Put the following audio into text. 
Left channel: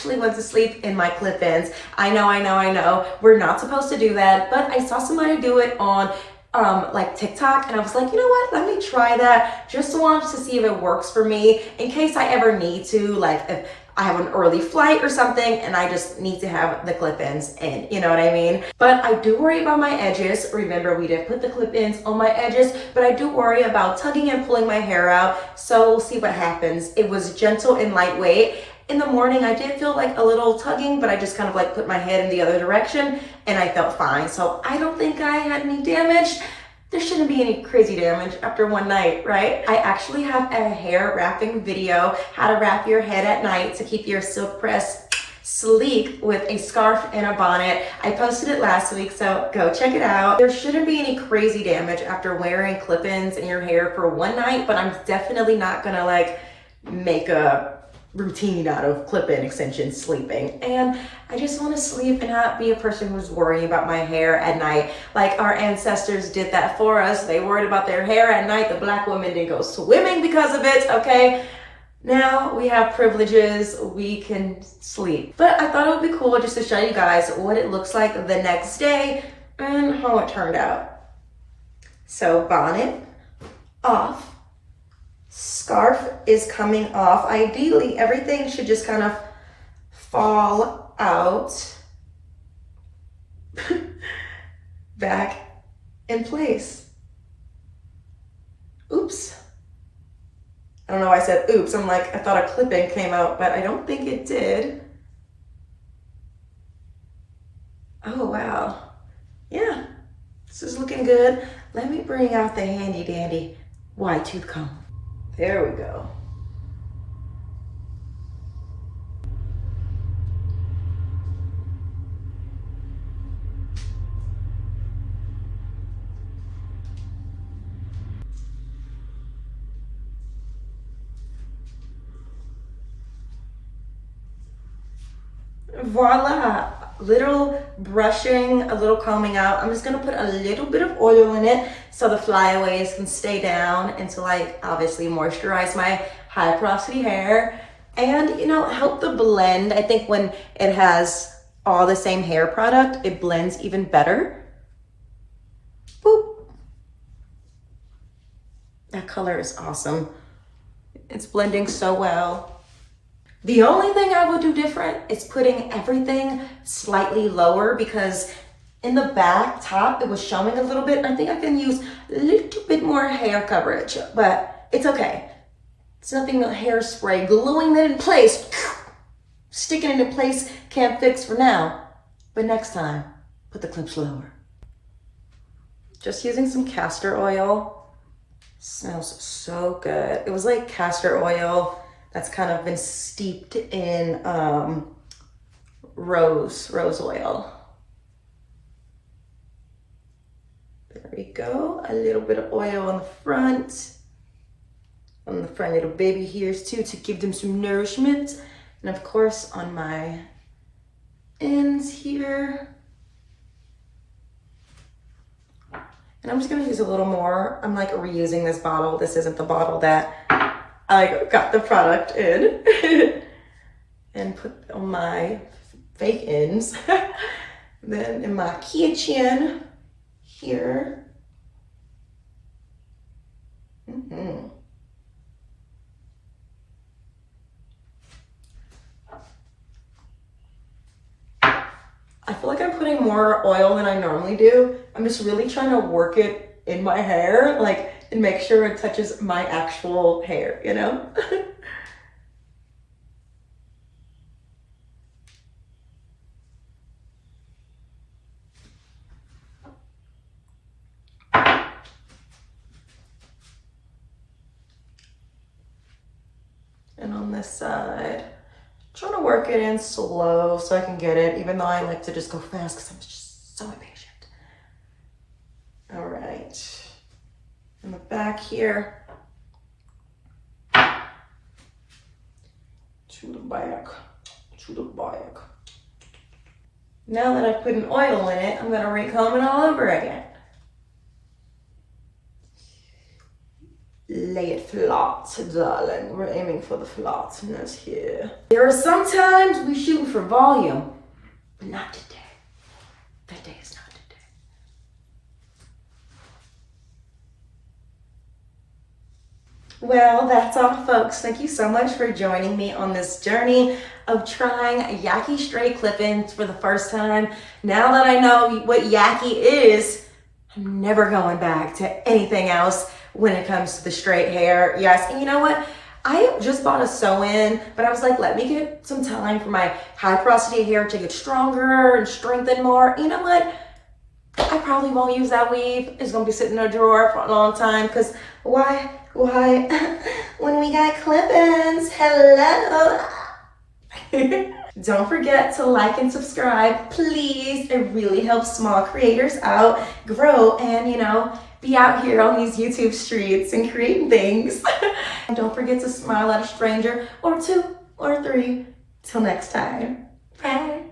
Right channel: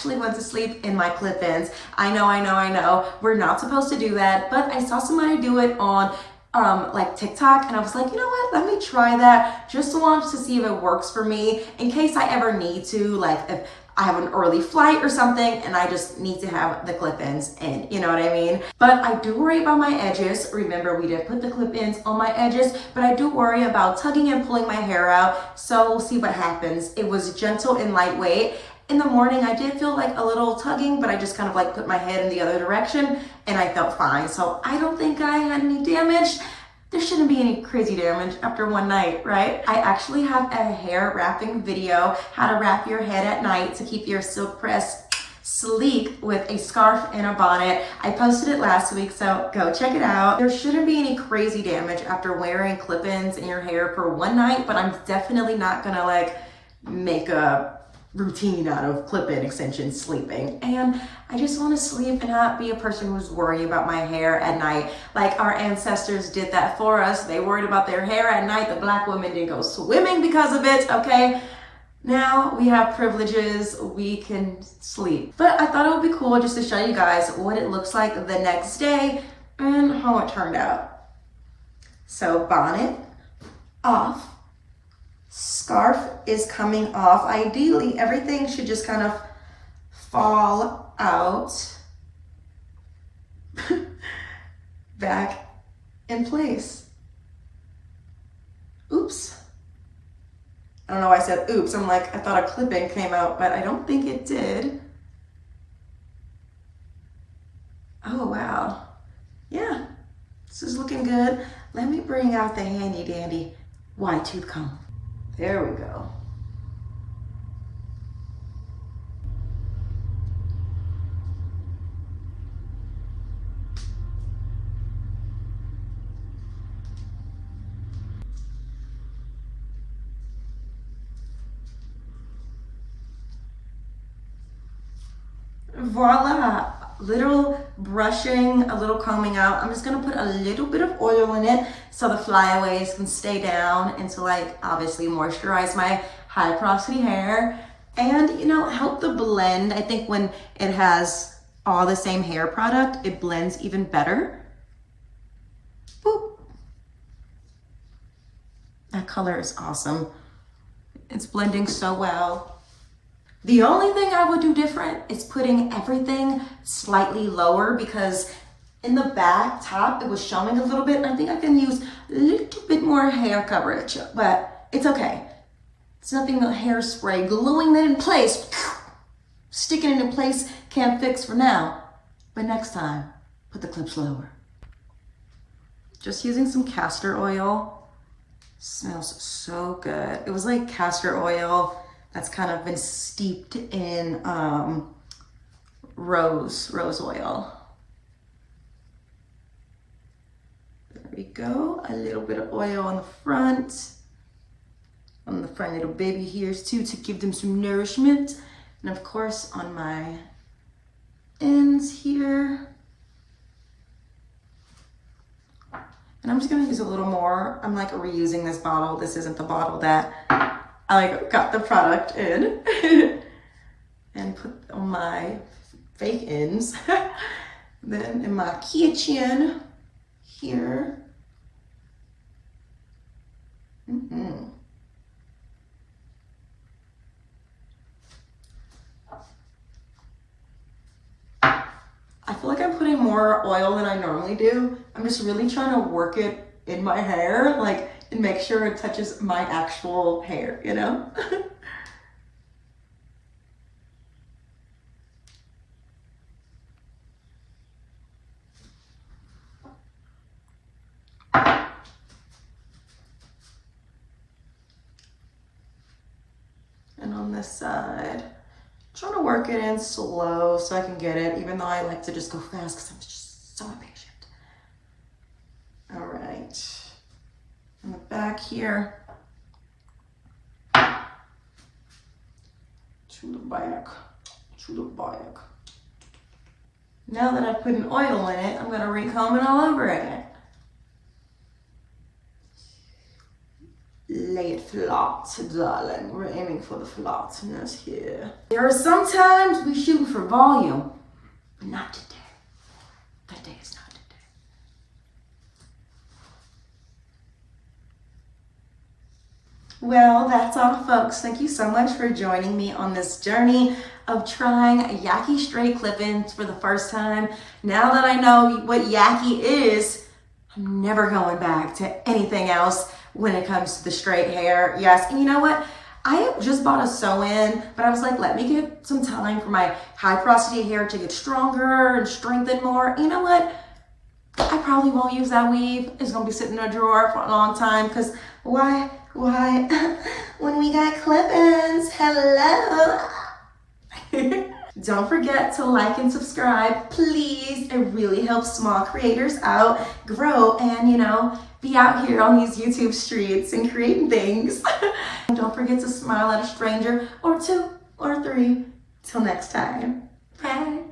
actually went to sleep in my clip-ins. I know. We're not supposed to do that, but I saw somebody do it on like TikTok, and I was like, you know what, let me try that just to see if it works for me in case I ever need to, like if I have an early flight or something and I just need to have the clip-ins in, you know what I mean? But I do worry about my edges. Remember, we did put the clip-ins on my edges, but I do worry about tugging and pulling my hair out. So we'll see what happens. It was gentle and lightweight. In the morning, I did feel like a little tugging, but I just kind of like put my head in the other direction and I felt fine. So I don't think I had any damage. There shouldn't be any crazy damage after one night, right? I actually have a hair wrapping video, how to wrap your head at night to keep your silk press sleek with a scarf and a bonnet. I posted it last week, so go check it out. There shouldn't be any crazy damage after wearing clip-ins in your hair for one night, but I'm definitely not gonna like make a routine out of clip-in extensions sleeping. And I just want to sleep and not be a person who's worrying about my hair at night. Like our ancestors did that for us. They worried about their hair at night. The Black women didn't go swimming because of it, okay? Now we have privileges, we can sleep. But I thought it would be cool just to show you guys what it looks like the next day and how it turned out. So bonnet off. Scarf is coming off. Ideally, everything should just kind of fall out back in place. Oops. I don't know why I said oops. I'm like, I thought a clip-in came out, but I don't think it did. Oh, wow. Yeah, this is looking good. Let me bring out the handy dandy wide tooth comb. There we go. Voila, little brushing, a little combing out. I'm just gonna put a little bit of oil in it so the flyaways can stay down until I obviously moisturize my high porosity hair and, you know, help the blend. I think when it has all the same hair product, it blends even better. Boop. That color is awesome. It's blending so well. The only thing I would do different is putting everything slightly lower, because in the back top, it was showing a little bit. I think I can use a little bit more hair coverage, but it's okay. It's nothing, a hairspray, gluing that in place, sticking it in place can't fix for now. But next time, put the clips lower. Just using some castor oil. Smells so good. It was like castor oil that's kind of been steeped in rose oil. There we go. A little bit of oil on the front little baby hairs too, to give them some nourishment. And of course on my ends here. And I'm just gonna use a little more. I'm like reusing this bottle. This isn't the bottle that I like got the product in. And put on my fake ends. Then in my kitchen here. I feel like I'm putting more oil than I normally do. I'm just really trying to work it in my hair, like, and make sure it touches my actual hair, you know? And on this side, trying to work it in slow so I can get it, even though I like to just go fast because I'm just so impatient. All right, in the back here, to the back. Now that I put an oil in it, I'm gonna recomb it all over again. lay it flat, darling. We're aiming for the flatness here. There are some times we shoot for volume, but not today. That day is not today. Well, that's all, folks. Thank you so much for joining me on this journey of trying Yaki Straight clip-ins for the first time. Now that I know what Yaki is, I'm never going back to anything else when it comes to the straight hair. Yes, and you know what? I just bought a sew-in, but I was like, let me get some time for my high porosity hair to get stronger and strengthen more. You know what? I probably won't use that weave. It's gonna be sitting in a drawer for a long time, because why? When we got clip-ins, hello. Don't forget to like and subscribe, please. It really helps small creators out, grow, and be out here on these YouTube streets and creating things. Don't forget to smile at a stranger or two or three. Till next time. Bye.